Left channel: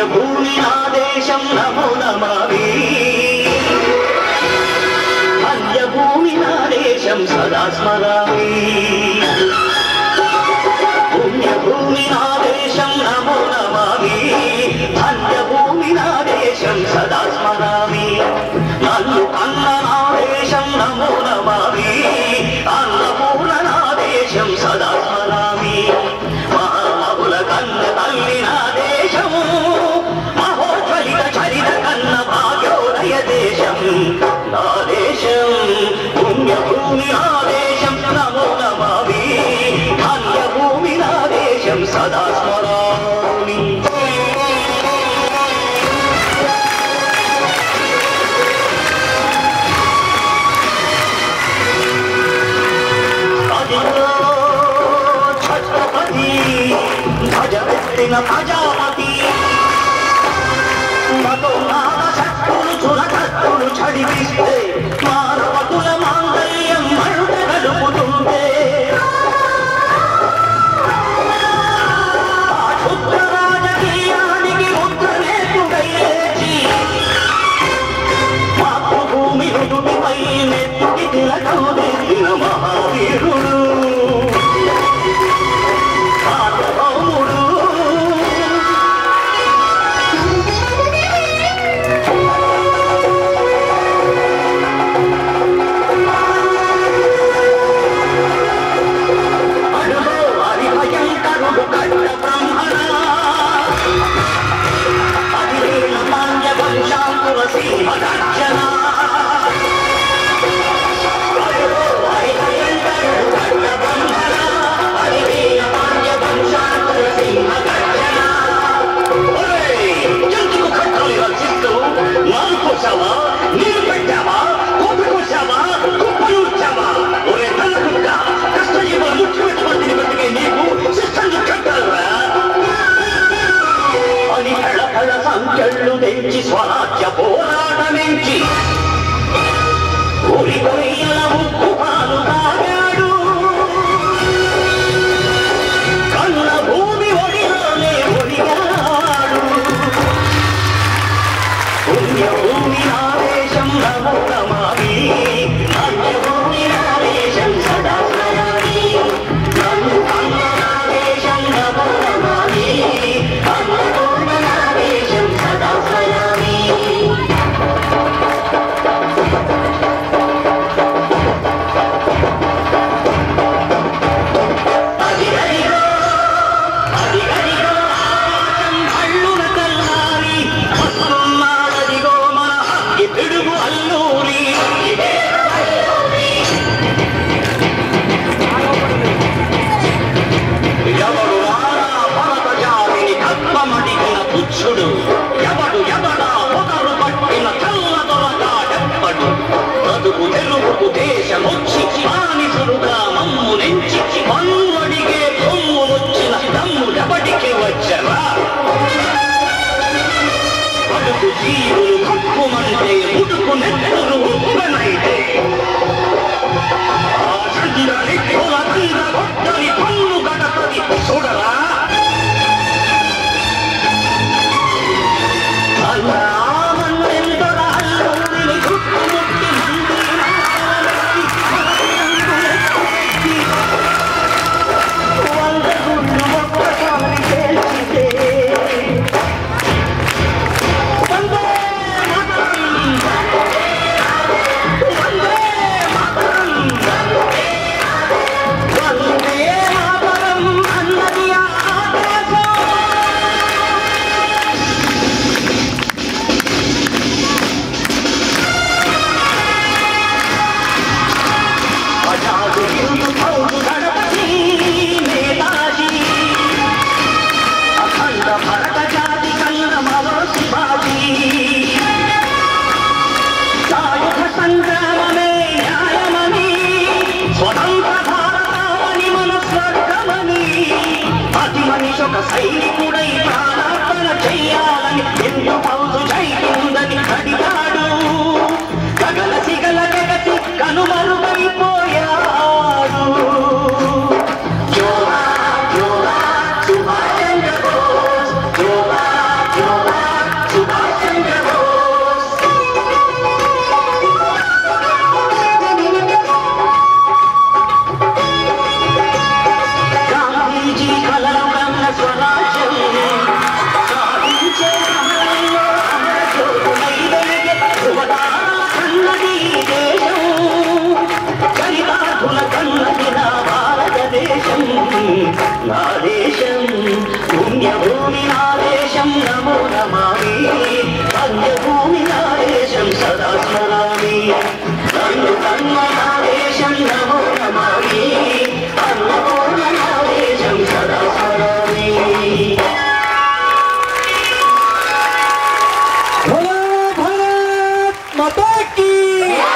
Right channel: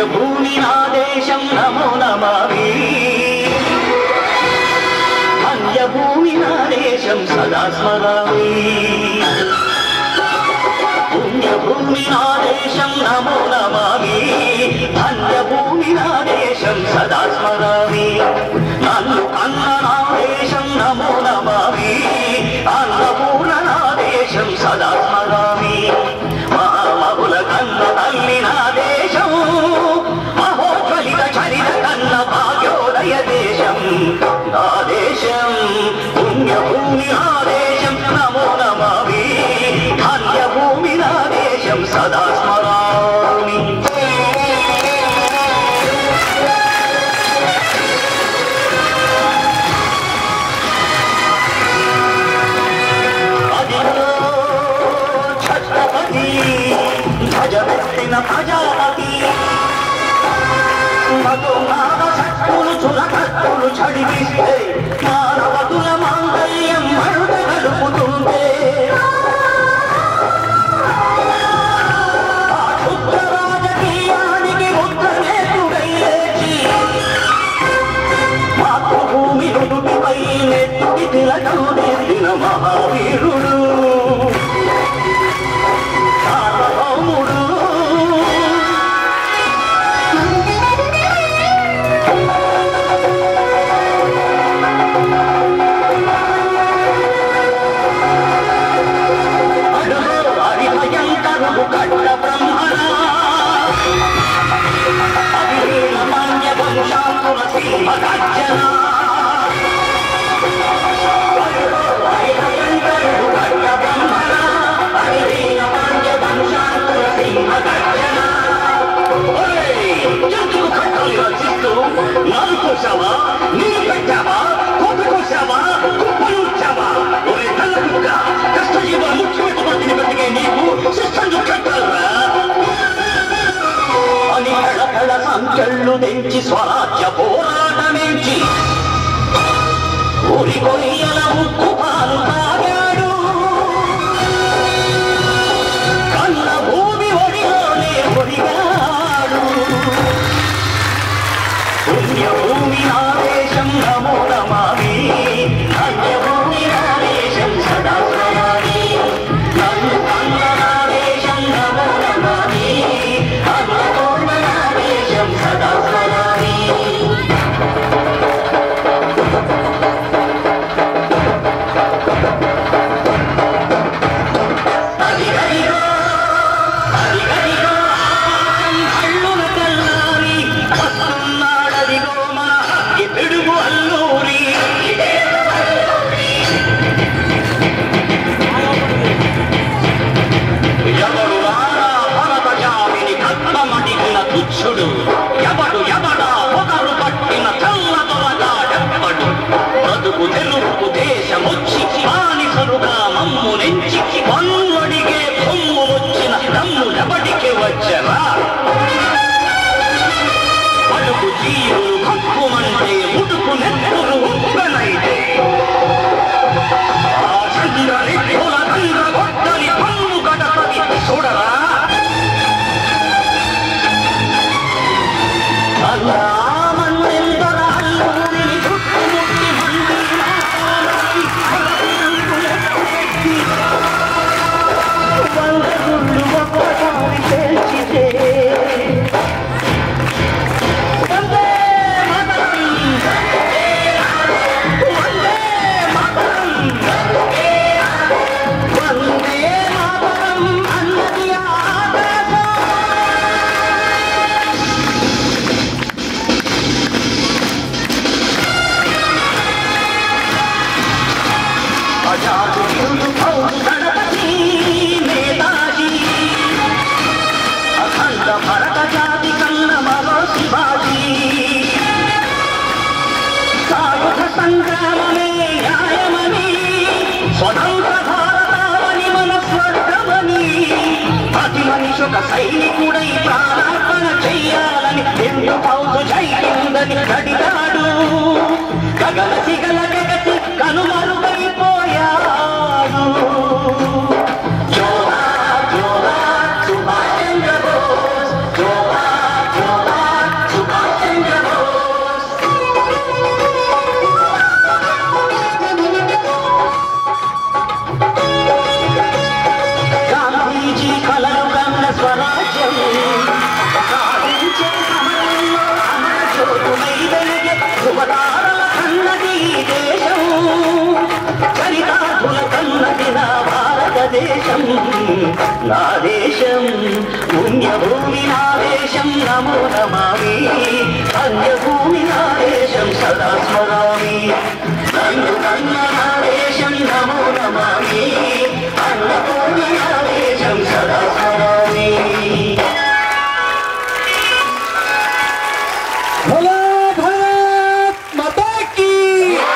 పుణ్యభూమి నా దేశం నమో నమామి అన్యభూమి నా దేశం సదా స్మరామి పుణ్యభూమి నా దేశం నమో నమామి అన్యభూమి నా దేశం సదా స్మరామి నన్ను కన్న నా దేశం నమో నమామి అన్నపూర్ణ నా దేశం సదా స్మరామి మహామహుల కన్న తల్లి నా దేశం మహోజ్వలిత చరిత కన్న భాగ్యోదయ దేశం నా దేశం పుణ్యభూమి నా దేశం నమో నమామి అన్యభూమి నా దేశం సదా స్మరామి భజవెత్తిన ప్రజాపతి మధుమావ శక్తులు చురకత్తులు చడిపిస్తే మానవతుల మాంగళ్యం మరుట గడుపుతుంటే శుద్ధ రాజకీయానికి రుద్రనేతుడై లేచి మాతృభూమి రుదుటిపై నెత్తుడి తిలకం దిద్దిన మహావీరుడు సంఖ్యలు పెంచి స్వరాజ్య పోరాటమించి ఊరి కొయ్యల ముక్కు పాలు తాగాడు కన్న భూమి ఒడిలోనే ఒడిగాడు పుణ్యభూమి నా దేశం నమో నమామి అన్యభూమి నా దేశం సదా స్మరామి నన్ను కన్న నా దేశం నమో నమామి అన్నపూర్ణ నా దేశం సదా స్మరామి అదిగదిగో అదిగదిగో ఆకాశం కళ్ళున తెల్లారి వస్తున్నాడదిగో మన హక్కి పిడుగు అల్లూరి ఎవడు రారా పరపజామిని కత్వమడిగిన తుచ్చుడు ఎవడు ఎవడా పొగరు పట్టిన చల్లదొరగా ఎప్పడు బతుకు తెలుగుకు దేశమొచ్చి బానిసలుగా మమ్ము నెంచి పన్నుడిగే పొమ్ము వచ్చిన దమ్ము ఎవడికి వచ్చరా బతుకు జీవులు కక్కుమంటే ముడుకు నెత్తురు ఉప్పనైతే ఆ చంద్రరెక్కుల తీరగొట్టని పన్ను గడపది చూడరా అల్లామన్నెందర అల్లూరిని చుట్టుముట్టి మంది వందగుళ్ళు ఒక్కసారి చేసితే వందే మాతరం వందే మాతరం వందే మాతరం అన్నది ఆదేశం అజాదు హిందూ కౌరు గణపతి నేతాజీ అఖండ భరత జాతి కన్న మరో శివాజీ సాయుధ సంగ్రామమే న్యాయమని స్వతంత్ర భారతావని మన స్వర్గమని ప్రతి మనిషి ఒక సైనికుడై ప్రాణార్పణ చెయ్యాలని 2000 సైనికుడని కడిగాడు గగల సిగల జగతి కనుమరుగైపోయాడు జోహార్ జోహార్ సుభాష్ చంద్ర బోస్ జోహార్ జోహార్ దేశం నా దేశం పుణ్యభూమి నా దేశం నమో నమామి పుణ్యభూమి నా దేశం సదా స్మరామి నన్ను కన్న నా దేశం నమో